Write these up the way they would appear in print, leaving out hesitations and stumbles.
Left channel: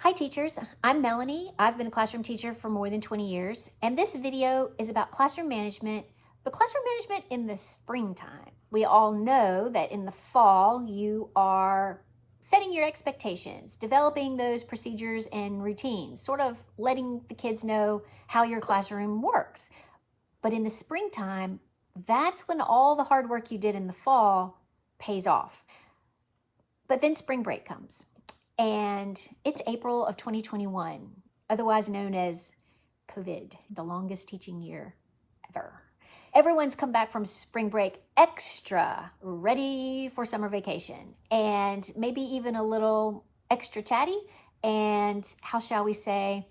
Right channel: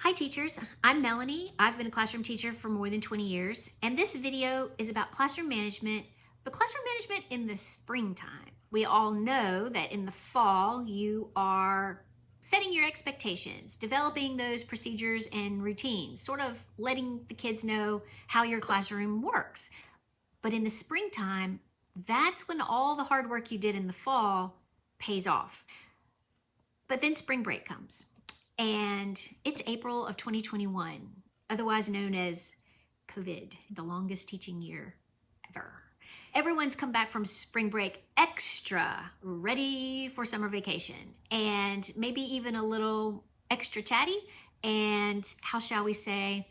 Hi teachers, I'm Melanie. I've been a classroom teacher for more than 20 years, and this video is about classroom management, but classroom management in the springtime. We all know that in the fall, you are setting your expectations, developing those procedures and routines, sort of letting the kids know how your classroom works. But in the springtime, that's when all the hard work you did in the fall pays off. But then spring break comes. And it's April of 2021, otherwise known as COVID, the longest teaching year ever. Everyone's come back from spring break extra ready for summer vacation, and maybe even a little extra chatty, and how shall we say,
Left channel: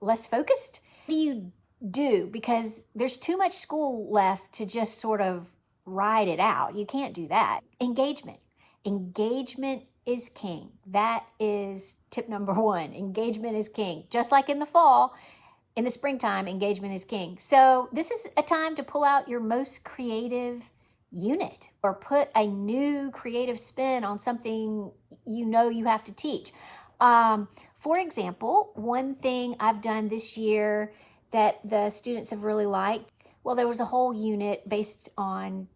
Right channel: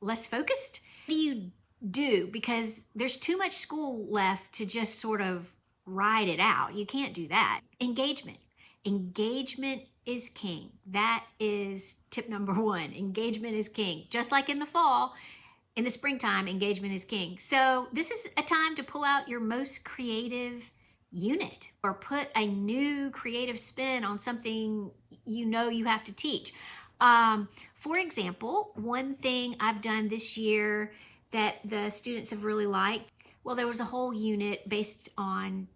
less focused. What do you do? Because there's too much school left to just sort of ride it out. You can't do that. Engagement. Engagement is king. That is tip number one. Engagement is king. Just like in the fall, in the springtime, engagement is king. So this is a time to pull out your most creative unit or put a new creative spin on something you know you have to teach. For example, one thing I've done this year that the students have really liked, well, there was a whole unit based on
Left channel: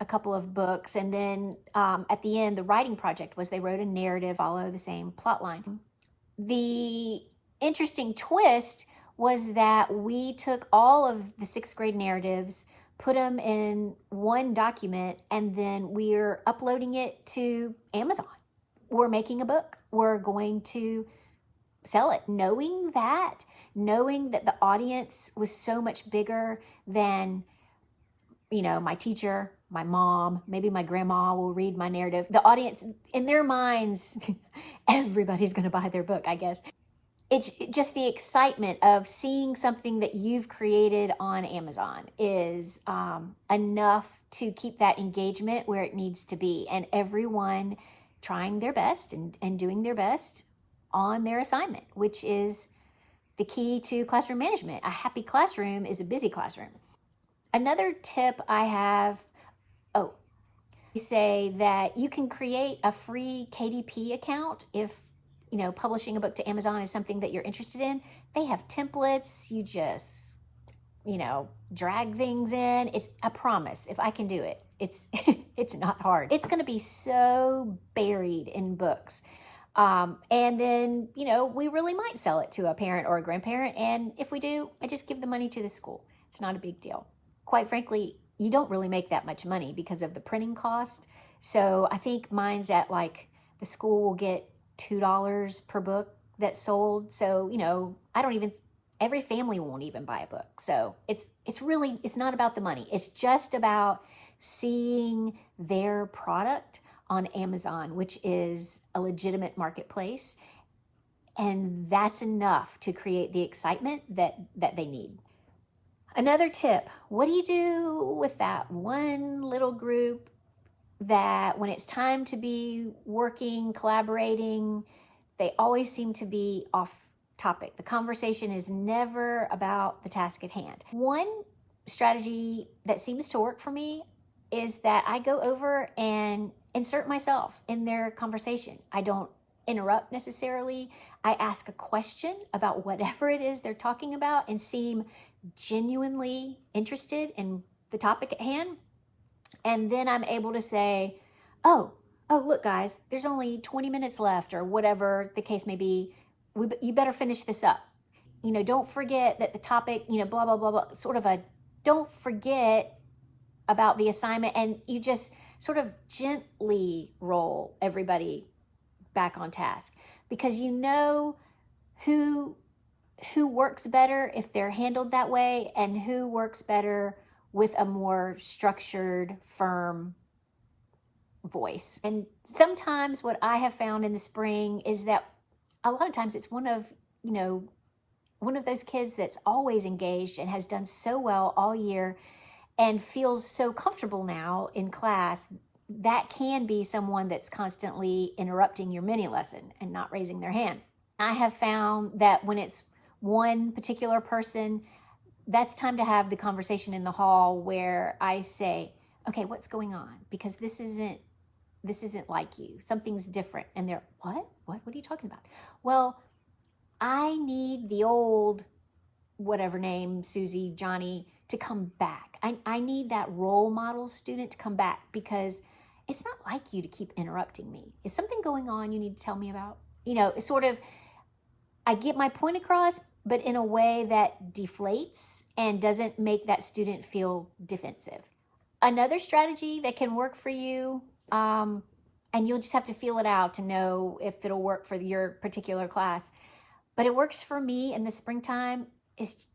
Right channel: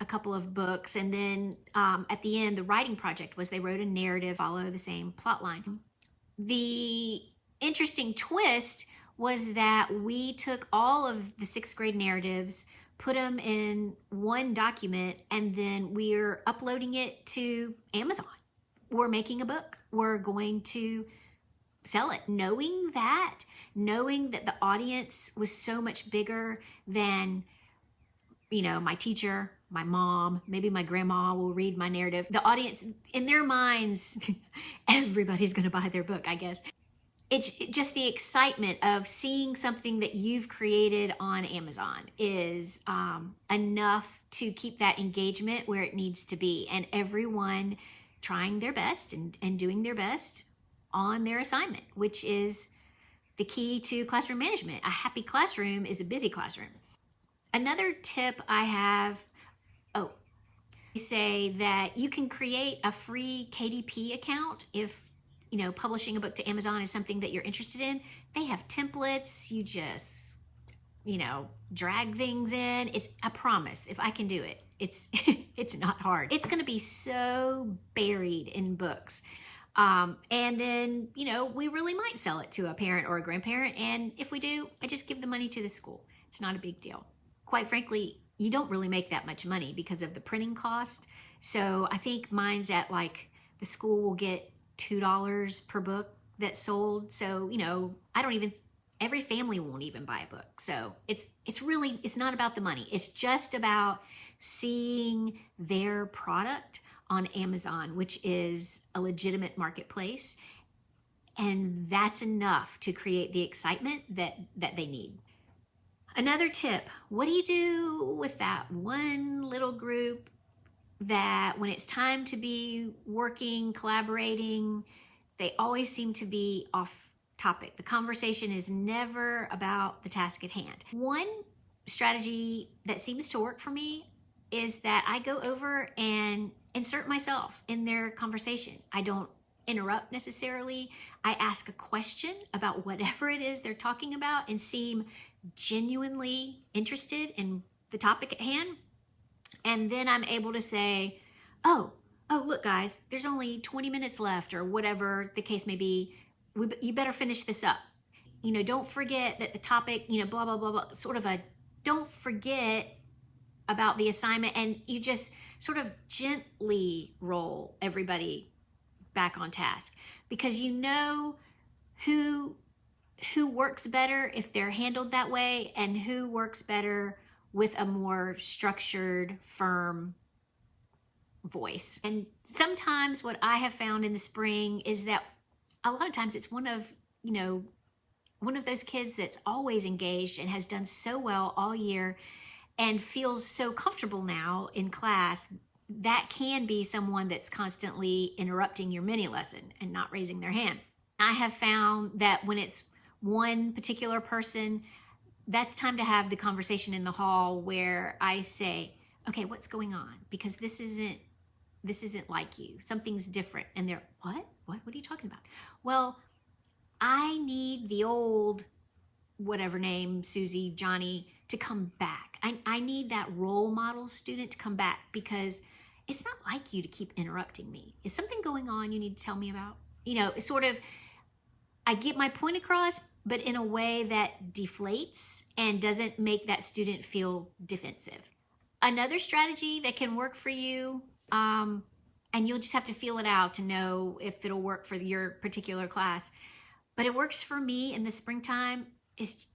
a couple of books, and then at the end, the writing project was they wrote a narrative, follow the same plot line. The interesting twist was that we took all of the sixth grade narratives, put them in one document, and then we're uploading it to Amazon. We're making a book. We're going to sell it, knowing that the audience was so much bigger than, my teacher, my mom, maybe my grandma will read my narrative. The audience, in their minds, everybody's going to buy their book, I guess. It's just the excitement of seeing something that you've created on Amazon is enough to keep that engagement where it needs to be, and everyone trying their best and doing their best on their assignment, which is the key to classroom management. A happy classroom is a busy classroom. Another tip I have, say that you can create a free KDP account if, publishing a book to Amazon is something that you're interested in. They have templates. You just, drag things in. It's a promise. If I can do it, it's it's not hard. It's going to be so buried in books. And then, we really might sell it to a parent or a grandparent. And if we do, I just give the money to the school. It's not a big deal. Quite frankly, you don't really make that much money because of the printing cost. So I think mine's at the school will get $2 per book that's sold. So, every family won't even buy a book. So it's not about the money. It's just about seeing their product on Amazon, which is a legitimate marketplace. And that's enough to create the excitement that they need. Another tip, what do you do with that one little group that when it's time to be working, collaborating, they always seem to be off topic? The conversation is never about the task at hand. One strategy that seems to work for me is that I go over and insert myself in their conversation. I don't interrupt necessarily. I ask a question about whatever it is they're talking about and seem genuinely interested in the topic at hand. And then I'm able to say, oh, look guys, there's only 20 minutes left, or whatever the case may be. You better finish this up. Don't forget that the topic, blah, blah, blah, blah, sort of don't forget about the assignment. And you just sort of gently roll everybody back on task, because who works better if they're handled that way, and who works better with a more structured, firm voice. And sometimes what I have found in the spring is that a lot of times it's one of those kids that's always engaged and has done so well all year and feels so comfortable now in class. That can be someone that's constantly interrupting your mini lesson and not raising their hand. I have found that when it's one particular person, that's time to have the conversation in the hall where I say, okay, what's going on? Because this isn't like you. Something's different. And they're, what are you talking about? Well, I need the old, whatever name, Susie, Johnny, to come back. I need that role model student to come back, because it's not like you to keep interrupting me. Is something going on you need to tell me about? You know, it's sort of, I get my point across, but in a way that deflates and doesn't make that student feel defensive. Another strategy that can work for you, and you'll just have to feel it out to know if it'll work for your particular class, but it works for me in the springtime, is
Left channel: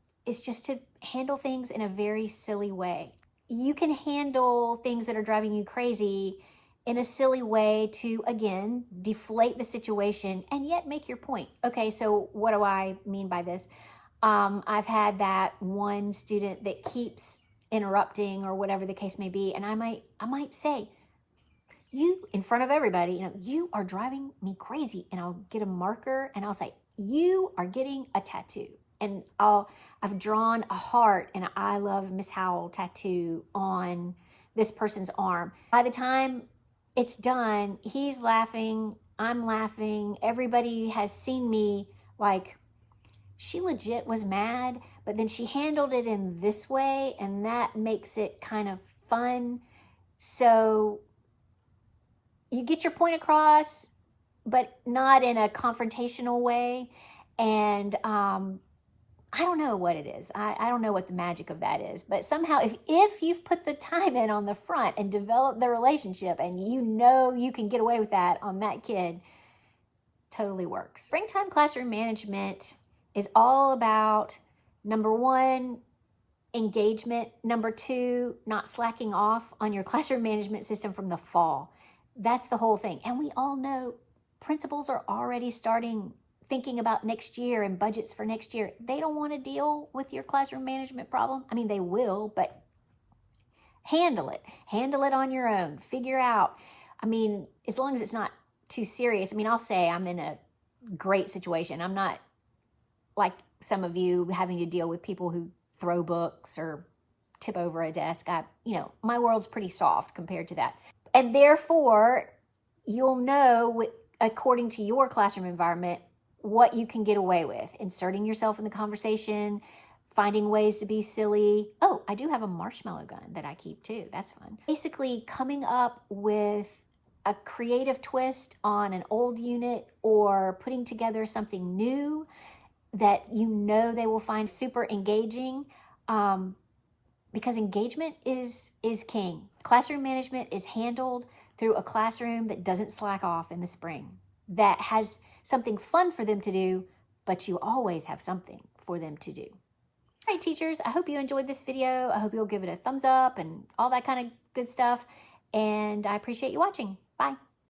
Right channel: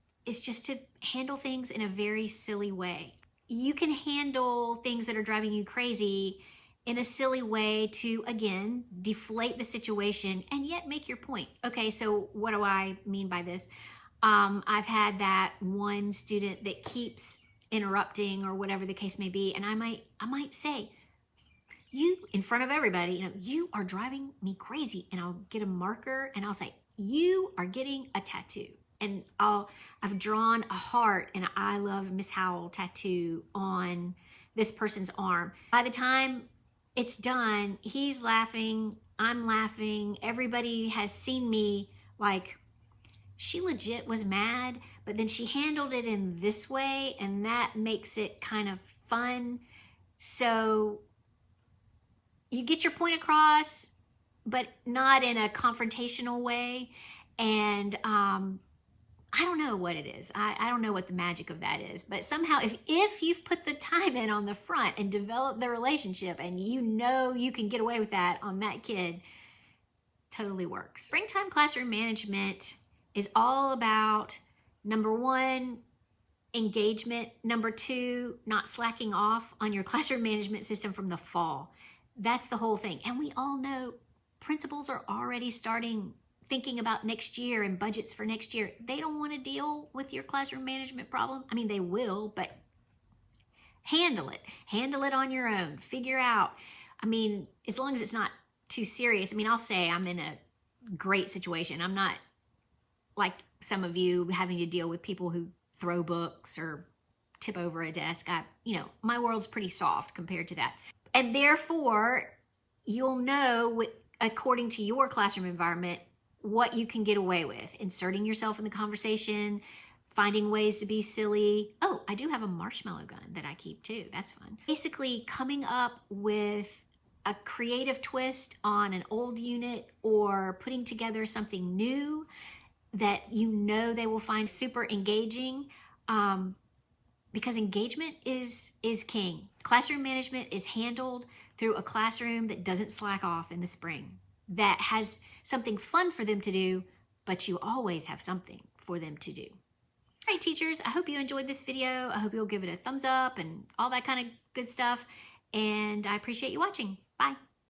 just to handle things in a very silly way. You can handle things that are driving you crazy in a silly way to, again, deflate the situation and yet make your point. Okay, so what do I mean by this? I've had that one student that keeps interrupting or whatever the case may be, and I might say, you, in front of everybody, you know, you are driving me crazy, and I'll get a marker and I'll say, you are getting a tattoo. And I've drawn a heart and an I love Miss Howell tattoo on this person's arm. By the time it's done, he's laughing, I'm laughing, everybody has seen me, like, she legit was mad, but then she handled it in this way, and that makes it kind of fun. So you get your point across, but not in a confrontational way. And I don't know what it is. I don't know what the magic of that is. But somehow, if you've put the time in on the front and developed the relationship, and you know you can get away with that on that kid, totally works. Springtime classroom management is all about, number one, engagement. Number two, not slacking off on your classroom management system from the fall. That's the whole thing. And we all know principals are already thinking about next year and budgets for next year. They don't want to deal with your classroom management problem. I mean, they will, but handle it. Handle it on your own. Figure out, I mean, as long as it's not too serious. I mean, I'll say I'm in a great situation. I'm not like some of you having to deal with people who throw books or tip over a desk. My world's pretty soft compared to that. And therefore, you'll know, according to your classroom environment, what you can get away with, inserting yourself in the conversation, finding ways to be silly. Oh, I do have a marshmallow gun that I keep too. That's fun. Basically, coming up with a creative twist on an old unit, or putting together something new that you know they will find super engaging, because engagement is king. Classroom management is handled through a classroom that doesn't slack off in the spring, that has something fun for them to do, but you always have something for them to do. All right, teachers, I hope you enjoyed this video. I hope you'll give it a thumbs up and all that kind of good stuff. And I appreciate you watching. Bye.